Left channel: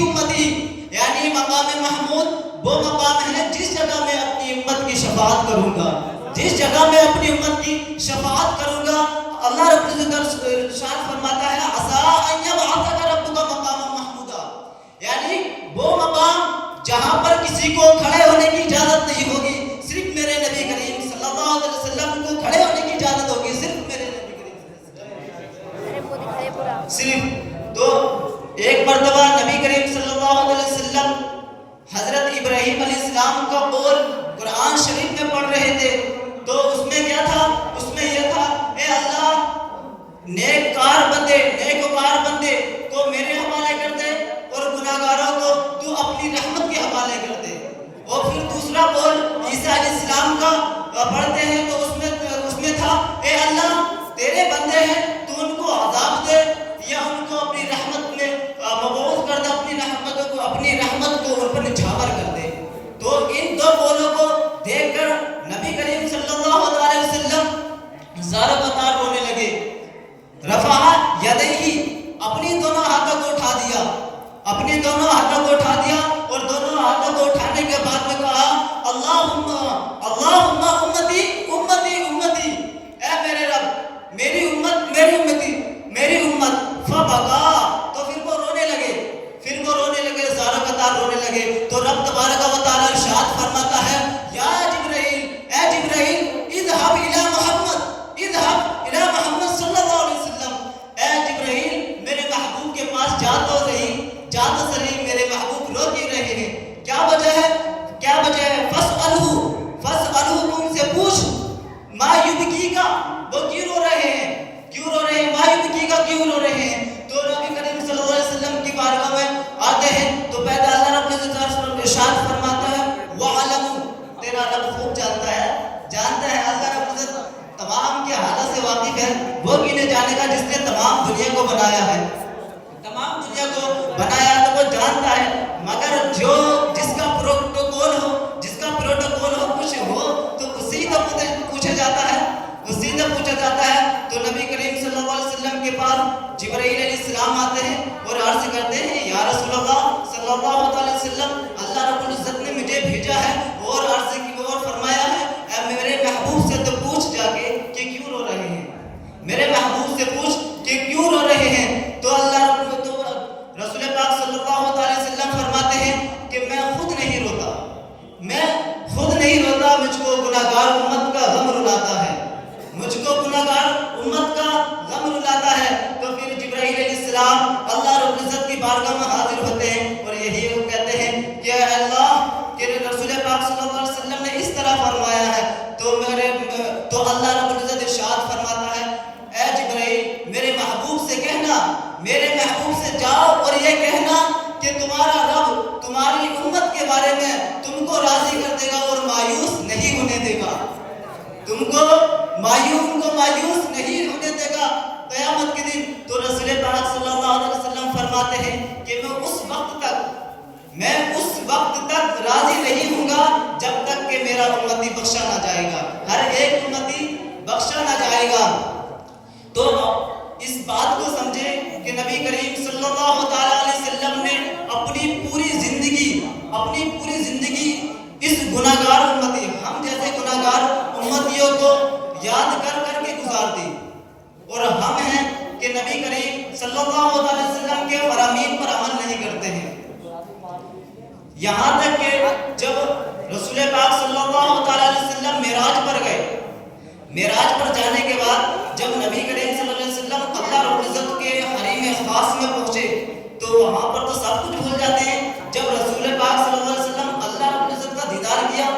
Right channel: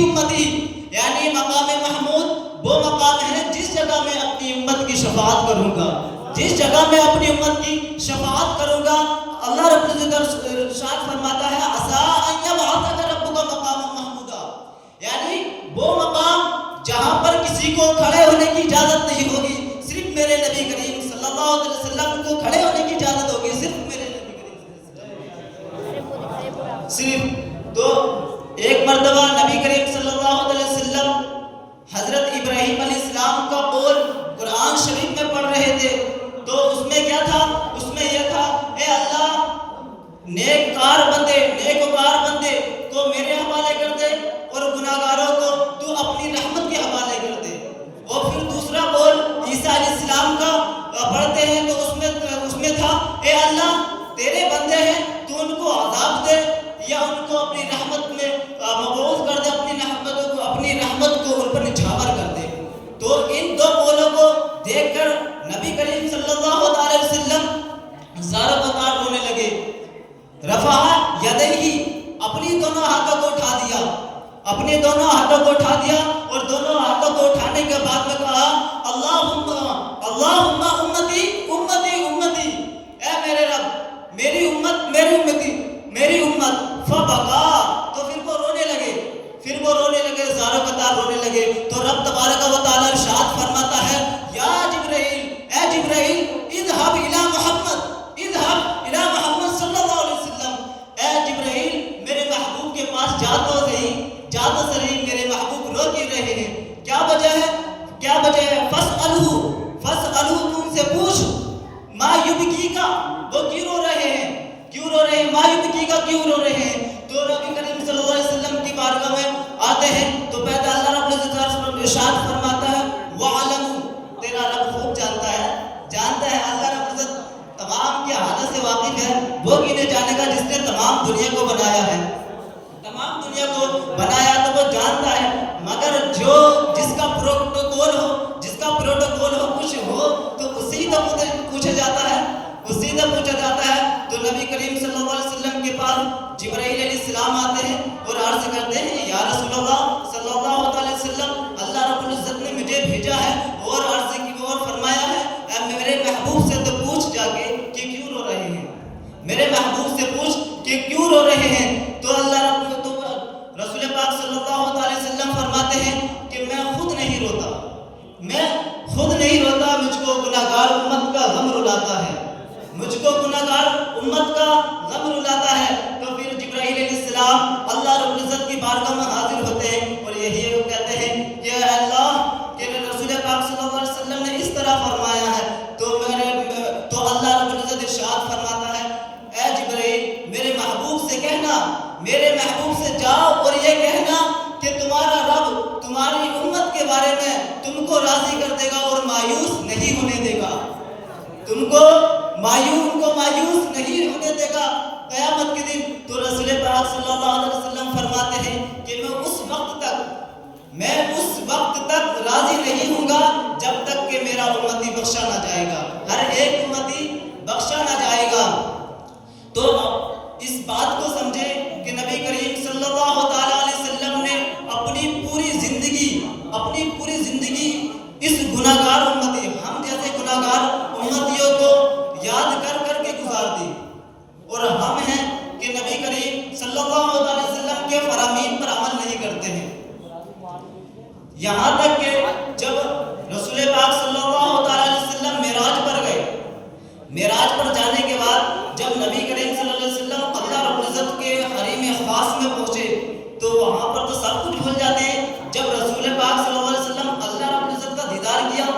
امتی، یعنی مقام محمود وہ مقام ہے جس جگہ میں اپنی امت کی شفاعت کروں گا، جس جگہ میں اپنی امت کی شفاعت کروں گا۔ اللہ رب العزت ارشاد فرماتا ہے عسیٰ ان یبعثک ربک مقاما محمودا، یعنی وہ مقام جہاں پر کسی کو کھڑے ہونے کی اجازت نہیں ہوگی، صرف میرے نبی کریم صلی اللہ علیہ وسلم کو کھڑے ہونے کی اجازت ہوگی، صرف میرے نبی کریم صرف۔ تو ایک مرتبہ نبی کریم صلی اللہ علیہ وسلم حضرت ابراہیم علیہ السلام کا قول قرآن شریف میں پڑھ رہے تھے، تو اس میں کیا تھا؟ اس میں یہ تھا اے اللہ نیکوکار بندے کو میرے حوالے کر دے اور گناہگاروں کو تو اپنی رحمت کے حوالے کر دے۔ اور پھر دوسرا قول عیسیٰ علیہ السلام کا پڑھتے ہیں تو اس میں تھا اے اللہ تیرے بندے ہیں تو ان کو عذاب دے یا ان کو اپنی رحمت میں مبعوث کر دے، اپنی رحمت کو ان پر نچھاور کر دے۔ تو ان دو قولوں کو دیکھ کر نبی کریم صلی اللہ علیہ وسلم زار قطار رونے لگے، رفع یدیہ، اپنی دونوں ہاتھوں کو اٹھا دیا اور دونوں ہاتھوں کو اٹھانے کے بعد میں کہا اللہم امتی امتی امتی، اے میرے رب میری امت فبکا، تو پھر وہ رونے لگے، زار قطار رونے لگے۔ تو رب تبارک و تعالی ارشاد فرماتا ہے یا جبرائیل، اے جبرائیل اذهب الی محمد صلی اللہ علیہ وسلم، اے جبرائیل میرے محبوب کے پاس جا تو صحیح، میرے محبوب رو کیوں رہے ہیں؟ کیا وجہ ہے؟ فاسألہ، ان سے پوچھ، ما یبکیکا، وہ کیوں رو رہے ہیں؟ ما یبکیکا کیوں رو رہے ہیں؟ تو نبی کریم صلی اللہ علیہ وسلم کی بارگاہ میں آتے ہیں تو پہلے اللہ رب العزت ارشاد فرماتا ہے وَعَلَمُوا، تیرا رب خوب جانتا ہے اللہ رب العزت تمام کی حالت سے واقف ہے، وہ کینے جانے گا جس نے تمام دنیا کو بنایا ہے، تو وہ جانتا ہے، مگر جس کا پروٹوکول ہو کچھ ہو تو اسی سے پوچھا جاتا ہے۔ تو نبی کریم صلی اللہ علیہ وسلم کے پاس جبرائیل علیہ السلام آتے ہیں اور عرض کرتے ہیں یا رسول اللہ صلی اللہ علیہ وسلم، اللہ رب العزت نے مجھے بھیجا ہے اور عرض کی اور فرمایا ہے اے میرے محبوب سے تو پوچھ جا کے کہ کیوں رو رہے ہیں، میرے محبوب سے پوچھ کہ کیوں رو رہے ہیں۔ تو اللہ رسول پاک صلی اللہ علیہ وسلم فرماتے ہیں کہ میں خود نہیں روتا، مجھ کو گناہگار امت کا غم رلاتا ہے۔ تو پھر جبرائیل علیہ السلام اللہ رب العزت کی بارگاہ میں حاضر ہوتے ہیں اور یہی وہ کہتے ہیں کہ اے اللہ کہ رسول پاک صلی اللہ علیہ وسلم نے اس طرح فرمایا ہے، تو اللہ رب العزت ارشاد فرماتا ہے اے جبرائیل میرے محبوب سے کہنا، میرے محبوب سے جاؤ اور یہ کہنا کہ تمہارا رب تمہاری امت کے بارے میں تم کو راضی کر دے گا اور مایوس نہیں ہونے دے گا، تم کو مایوس نہیں ہونے دے گا قیامت کے دن۔ تو رسول پاک صلی اللہ علیہ وسلم فرماتے ہیں کہ میں اس وقت تک راضی نہیں ہوں گا جب تک کہ میرا امتی بخشا نہ جائے گا، ہر ایک امتی بخشا نہ جائے گا۔ تو اس بات کو سمجھیں کہ نبی کریم صلی اللہ تعالی علیہ وسلم نے اپنی پوری زندگی اس گناہگار امتی، ہم جیسے گناہگار امتیوں کو یاد کر کے گزار دی، اور ہم ہیں کہ نبی کریم صلی اللہ علیہ وسلم کے فرامین پر عمل نہیں کرتے ہیں، یہاں تک کہ جب رسول پاک صلی اللہ علیہ وسلم معراج پر گئے، معراج پر جانے کے بعد جب نبی کریم صلی اللہ علیہ وسلم اللہ رب العزت کے حریم خاص میں پہنچے تو وہاں پر تو سب کچھ بھول جاتے ہیں، جب رسول پاک صلی اللہ علیہ وسلم اللہ رب العزت کا دیدار کیا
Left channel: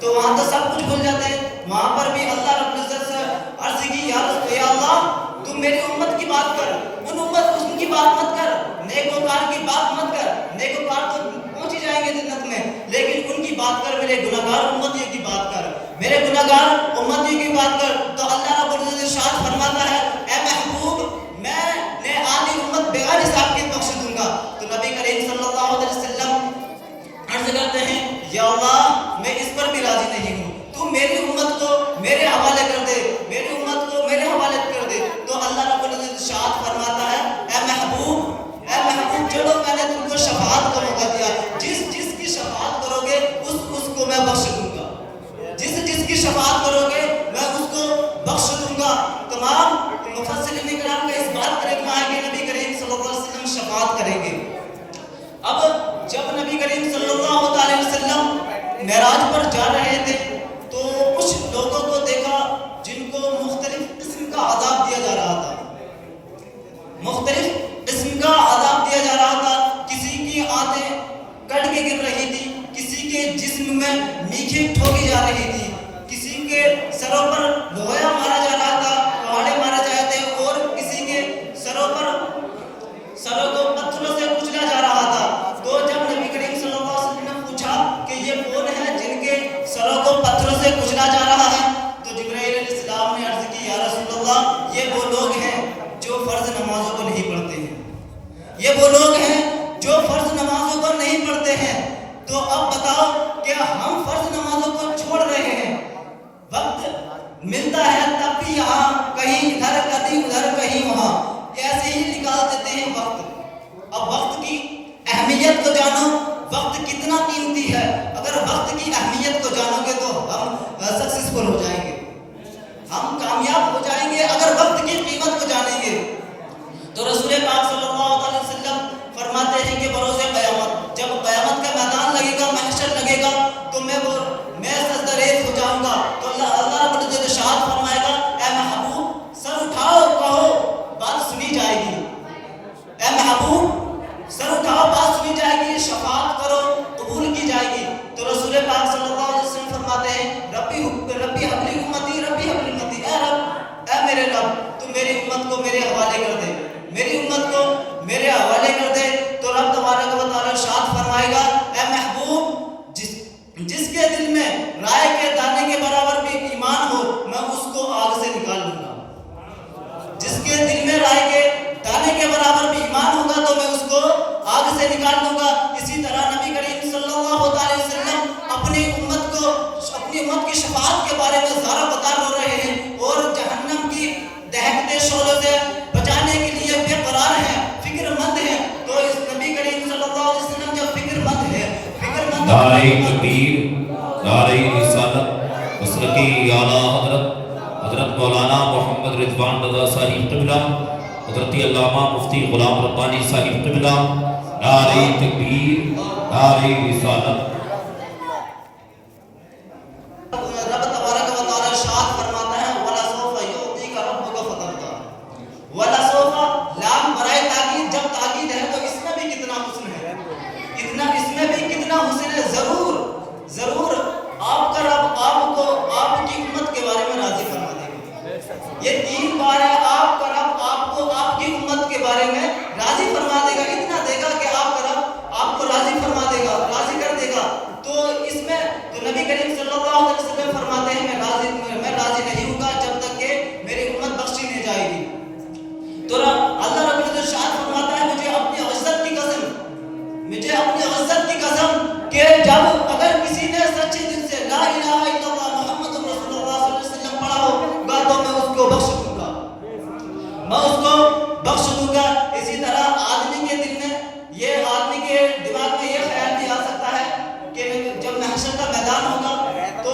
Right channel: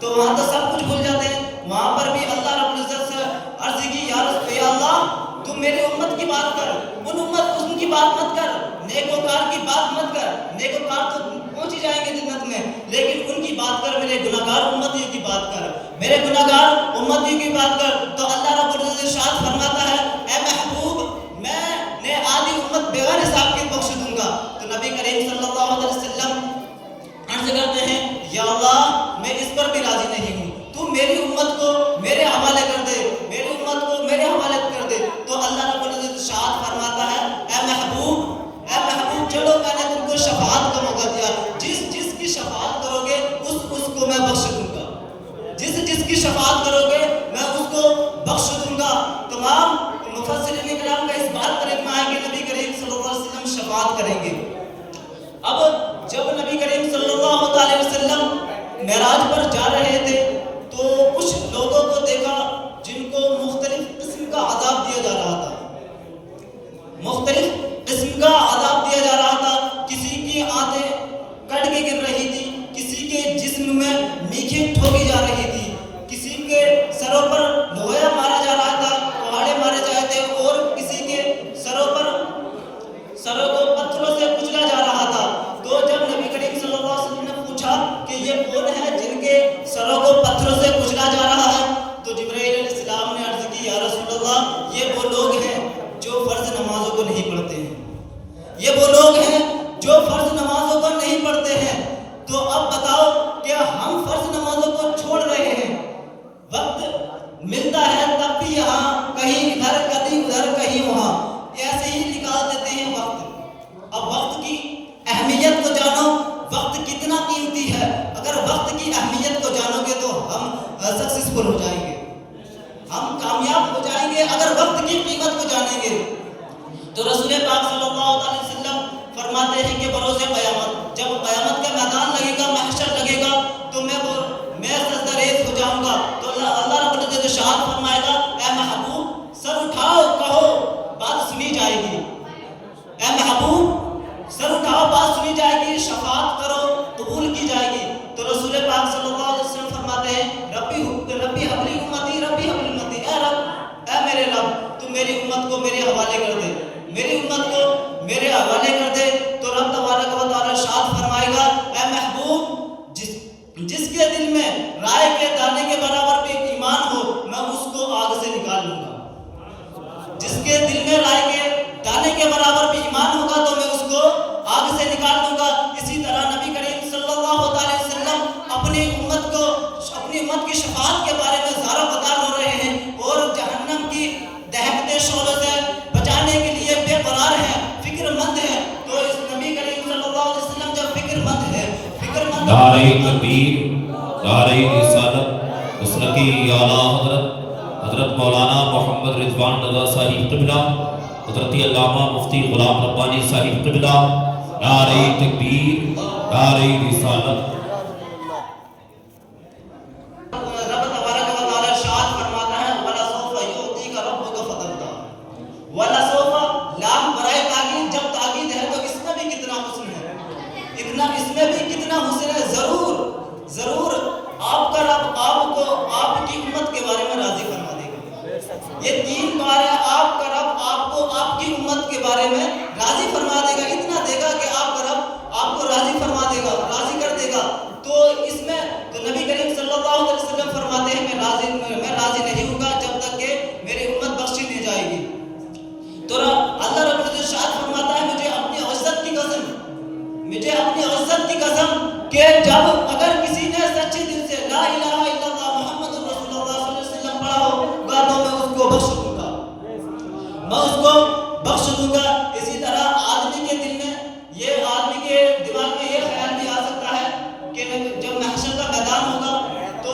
تو وہاں تو سب کچھ بھول جاتے ہیں، وہاں پر بھی اللہ رب العزت سے عرض کی یا اللہ تم میری امت کی بات کر، ان کی بات مت کر، نیکوکار کی بات مت کر، نیکوکار تو پہنچ ہی جائیں گے جنت میں، لیکن ان کی بات کر، میرے گناہگار امتیوں کی بات کر، میرے گناہگار امتیوں کی بات کر۔ تو اللہ رب العزت ارشاد فرماتا ہے اے محبوب میں نے آدھی امت بغیر حساب کے بخش دوں گا۔ تو نبی کریم صلی اللہ علیہ وسلم عرض کرتے ہیں یا اللہ میں اس پر بھی راضی نہیں ہوں، تو میری امت کو میرے حوالے کر دے، میری امت کو میرے حوالے کر دے۔ تو اللہ رب العزت ارشاد فرماتا ہے اے محبوب چلو میں نے تم کو شفاعت شفاعت کریں گے۔ اب جب نبی کریم صلی اللہ علیہ وسلم معراج پر جا رہے تھے تو کچھ لوگوں کو دیکھا جن کو مختلف قسم کا عذاب دیا جا رہا تھا، مختلف قسم کا عذاب دیا جا رہا تھا۔ کسی کی آنتیں کٹ کے گر رہی تھی، کسی کے جسم میں میخیں ٹھوکی جا رہی تھی، کسی کے سروں پر لوہا مارا جا رہا تھا، پہاڑے مارے جا رہے تھے، اور کسی کے سروں کو پتھروں سے کچلا جا رہا تھا۔ تو جب نبی کریم صلی اللہ علیہ وسلم نے پوچھا کہ یہ کون ہے جن کے سروں کو پتھروں سے کچلا جا رہا ہے، تو جبرائیل علیہ السلام نے عرض کی یا رسول اللہ یہ وہ لوگ ہیں جو فرض نمازوں کو نہیں پڑھتے ہیں، یہ وہ لوگ ہیں جو فرض نمازوں کو نہیں پڑھتے ہیں۔ تو اب بتاؤ کہ ہم فرض نمازوں کو چھوڑ رہے ہیں، وقت ملتا ہے تب بھی یہاں کہیں ادھر کہیں ادھر کہیں وہاں ایسے ہی نکال دیتے ہیں وقت۔ اب وقت کی اہمیت کو جانو، وقت کتنا قیمتی ہے۔ اگر وقت کی اہمیت کو جانو گے تو ہم سکسیسفل ہو جائیں گے، ہم کامیاب ہو جائیں گے اگر وقت کی قیمت کو جانیں گے۔ تو رسول پاک صلی اللہ علیہ وسلم فرماتے ہیں کہ بروز قیامت جب قیامت کا میدان لگے گا، محشر لگے گا، تو میں سجدہ ریز ہو جاؤں گا، تو اللہ رب العزت ارشاد فرمائے گا اے محبوب سر اٹھاؤ کہو بات سنی جائے گی، اے محبوب سر اٹھاؤ بات سنی جائے گی، شفاعت کرو قبول کی جائے گی۔ تو رسول پاک صلی اللہ علیہ وسلم فرماتے ہیں ربی حبلی امتی، ربی حبلی امتی، اے رب اے میرے رب تو میری امت کو میرے حوالے کر دے، میری امت کو میرے حوالے کر دے۔ تو رب تبارک و تعالی ارشاد فرمائے گا اے محبوب جس کے دل میں رائے کے دانے کے برابر بھی ایمان ہو میں اس کو آگ سے نکال لوں گا، جس کے دل میں رائے کے دانے کے برابر بھی ایمان ہوگا تو میں اس کو آگ سے نکال دوں گا۔ اسی طرح نبی کریم صلی اللہ علیہ وسلم اپنی امت کی شفاعت کے بارے میں زارہ بتار ہو رہے ہیں اور جہنم کی دہکتے شعلوں سے بچانے کے لیے بے قرار ہیں، فکر مند ہیں۔ تو اس نبی کریم صلی اللہ علیہ وسلم جب فکر مند ہے، نعرہ تکبیر، نعرہ رسالت، مسلکی اعلیٰ حضرت مولانا محمد رضوان رضا صاحب قبلہ، حضرت علامہ مفتی غلام ربانی صاحب قبلہ، نعرہ تکبیر، نعرہ رسالت۔ رب تبارک و تعالی ارشاد فرماتا ہے وَلَسَوْفَ يُعْطِيكَ رَبُّكَ فَتَرْضَىٰ، وَلَسَوْفَ لام برائے تاکید، جب تاکید ہے تو اس میں بھی کتنا حسن ہے، اس میں بھی کتنا حسن ہے۔ ضرور آپ کا رب آپ کو آپ کی امت کے بارے میں راضی فرما دے گا۔ یہ 3 بار ہے آپ کا رب آپ کو آپ کی امت کے بارے میں راضی فرما دے گا، اتنا دے گا کہ آپ کا رب آپ کو راضی فرما دے گا، راضی کر دے گا۔ تو اس میں تو نبی کریم صلی اللہ علیہ وسلم فرماتے ہیں میں راضی نہیں ہوں گا جب تک کہ میری امت بخشی نہیں جائے گی۔ تو اللہ رب العزت ارشاد فرماتا ہے مجھے اپنی عزت کی قسم کہ جب اگر کسی نے سچے دل سے لا الہ الا اللہ محمد رسول اللہ صلی اللہ علیہ وسلم پڑھا ہوگا تو میں اس کو بخش دوں گا، میں اس کو بخش دوں گا۔ اسی طرح آدمی کے دل میں آدمی کے دماغ میں یہ خیال بھی آ سکتا ہے کہ جب محشر کا میدان ہوگا تو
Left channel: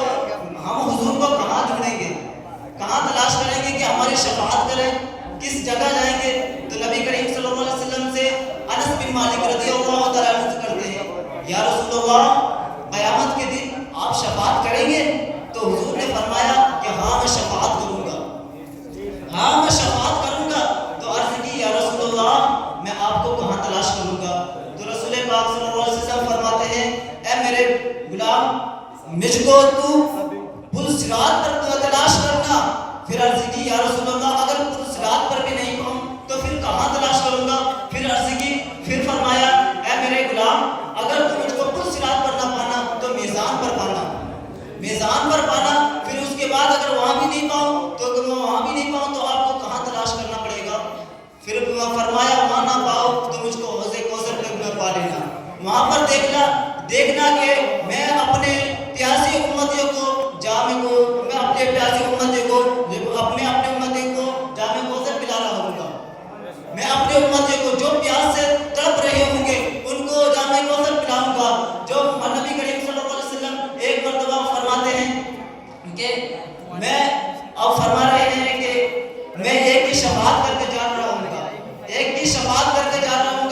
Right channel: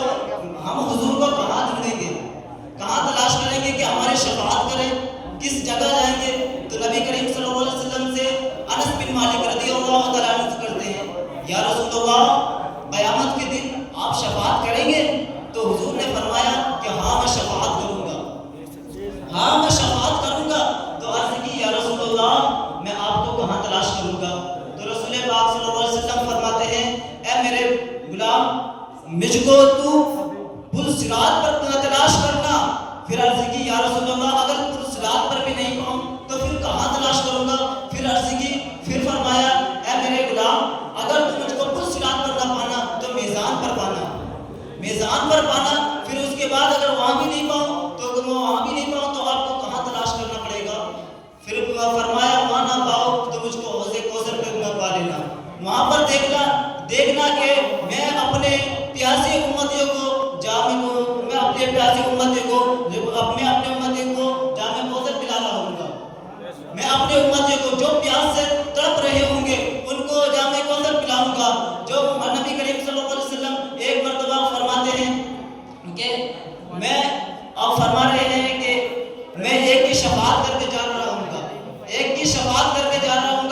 ہم حضور کو کہاں ڈھونڈیں گے، کہاں تلاش کریں گے کہ ہماری شفاعت کریں، کس جگہ جائیں گے؟ تو نبی کریم صلی اللہ علیہ وسلم سے انس بن مالک رضی اللہ تعالیٰ عنہ کرتے ہیں یا رسول اللہ قیامت کے دن آپ شفاعت کریں گے؟ تو حضور نے فرمایا کہ ہاں میں شفاعت کروں گا، ہاں میں شفاعت کروں گا۔ تو عرض کی یا رسول اللہ میں آپ کو کہاں تلاش کروں گا؟ تو رسول پاک صلی اللہ علیہ وسلم فرماتے ہیں اے میرے غلام مجھ کو تو پل صراط پر تلاش کرنا۔ پھر عرض کی یا رسول اللہ اگر پل صراط پر بھی نہیں پاؤں تو پھر کہاں تلاش کروں گا؟ پھر عرض کی پھر فرمایا اے میرے غلام اگر تم مجھ کو پل صراط پر نہ پانا تو میزان پر پانا، میزان پر پانا۔ پھر اس کے بعد اگر وہاں بھی نہیں پاؤں تو آپ کو کہاں تلاش کرنا پڑے گا؟ پھر فرمایا وہاں نہ پاؤ تو مجھ کو حوض کوثر پہ نہ پا لینا، وہاں پر دیکھنا کہ میں اپنے پیاسی امتیوں کو جامع کوثر پلا رہا ہوں گا، میں اپنے امتیوں کو جو پیاس سے تڑپ رہے ہوں گے ان کو جامع کوثر پلاؤں گا۔ جو نبی کریم صلی اللہ علیہ وسلم ایک مرتبہ فرماتے ہیں کہ آپ فرما رہے ہیں کہ میں ایک کی شفاعت کر کے جا رہا ہوں گا، ایک کی شفاعت کر کے جا رہا ہوں گا